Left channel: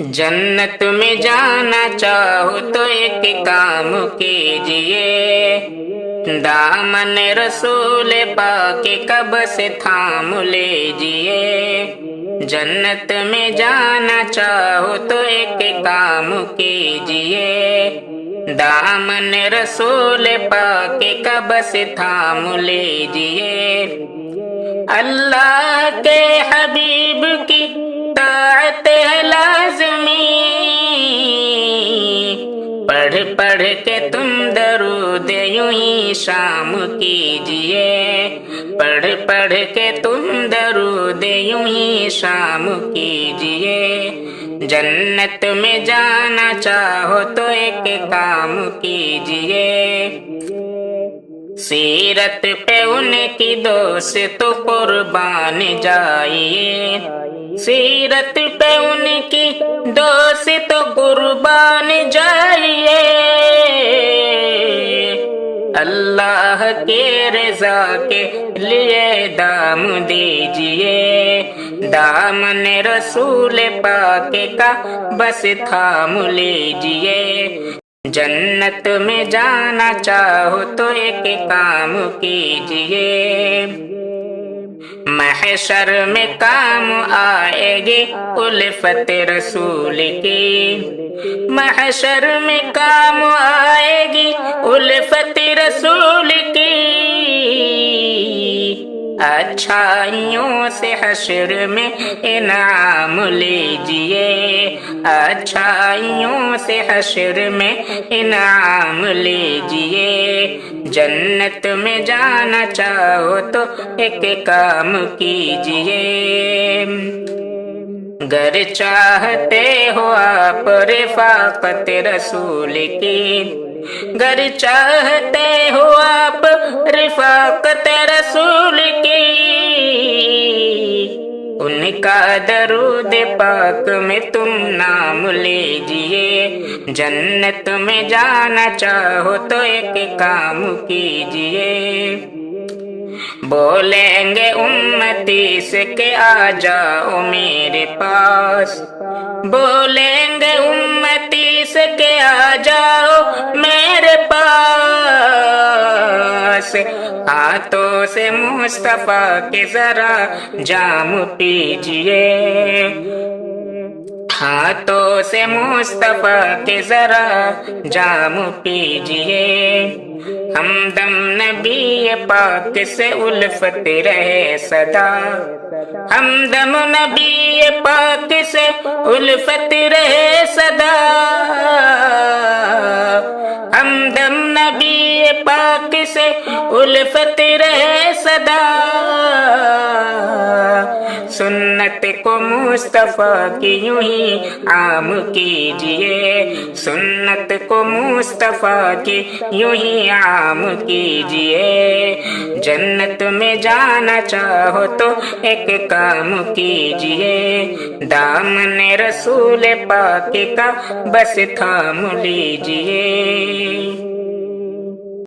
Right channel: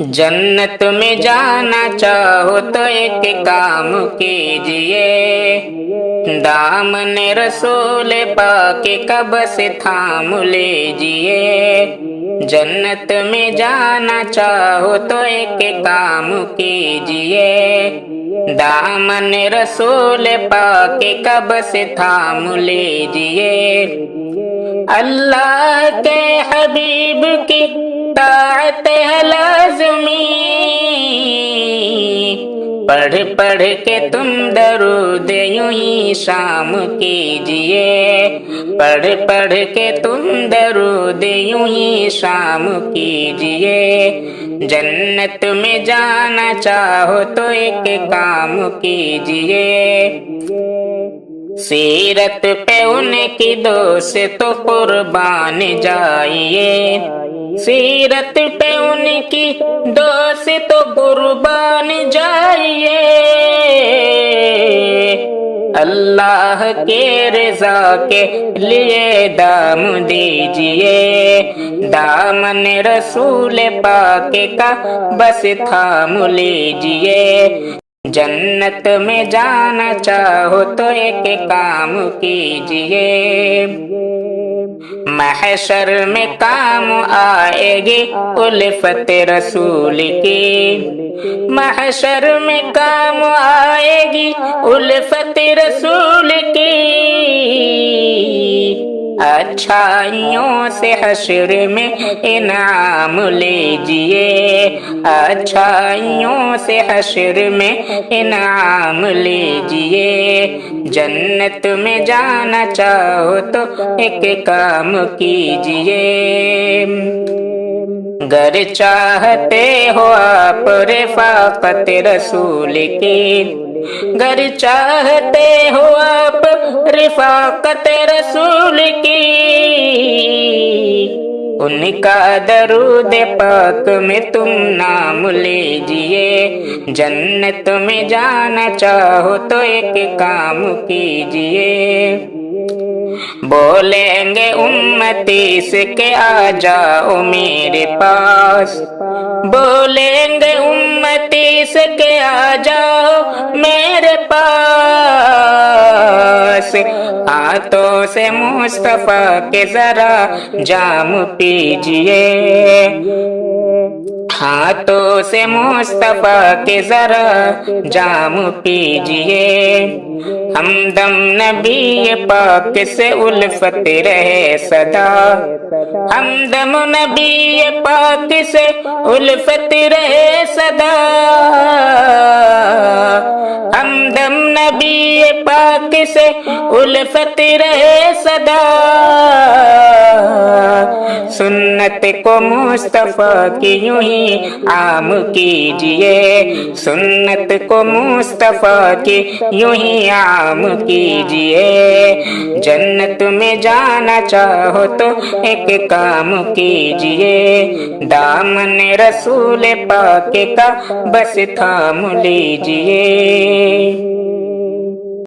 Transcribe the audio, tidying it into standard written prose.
جنت میں جانا چاہو تو ایک کام کیجئے، دامن رسول پاک کا بس تھام لیجئے۔ جنت میں جانا چاہو تو ایک کام کیجئے، دامن رسول پاک کا بس تھام لیجئے۔ اللہ کے حبیب کی طاعت ہے لازمی، پڑھ پڑھ کے تم درود یوں ہی شام کیجئے، پڑھ پڑھ کے تم درود یوں ہی شام کیجئے۔ جنت میں جانا چاہو تو ایک کام کیجئے، سیرت پہ ان کی دوست قربان جائیے، سیرت پہ ان کی دوست قربان جائیے۔ اللہ کے رضا کے لیے دام دیجئے، دامن رسول پاک کا بس تھام لیجئے۔ جنت میں جانا چاہو تو ایک کام کیجئے، محشر میں کام آئے گی الفت رسول کی، محشر میں کام آئے گی الفت رسول کی۔ اچھائیوں سے حشر میں انعام لیجئے، اچھائیوں سے حشر میں انعام لیجئے۔ جنت میں جانا چاہو تو ایک کام کیجئے، گر چاہتے ہو آپ رفاقت رسول کی، گر چاہتے ہو آپ رفاقت رسول کی، ان کا درود پاک میں تم نام لیجئے۔ جنت میں جانا چاہو تو ایک کام کیجئے، بولیں گے امتی سے کہ آ جاؤ میرے پاس، بولیں گے امتی سے کہ آ جاؤ میرے پاس، ہاتھوں سے مصطفیٰ کے ذرا جام پیجئے، ہاتھوں سے مصطفیٰ کے ذرا جام پیجئے۔ ہمدم نبی پاک سے الفت رہے صدا، ہمدم نبی پاک سے الفت رہے صدا، ہمدم نبی پاک سے الفت رہے صدا۔ سنت کو مصطفیٰ کی یوں ہی عام کیجئے، سنت کو مصطفیٰ کی یوں ہی عام کیجئے۔ جنت میں جانا چاہو تو ایک کام کیجئے، دامن رسول پاک کا بس تھام لیجئے۔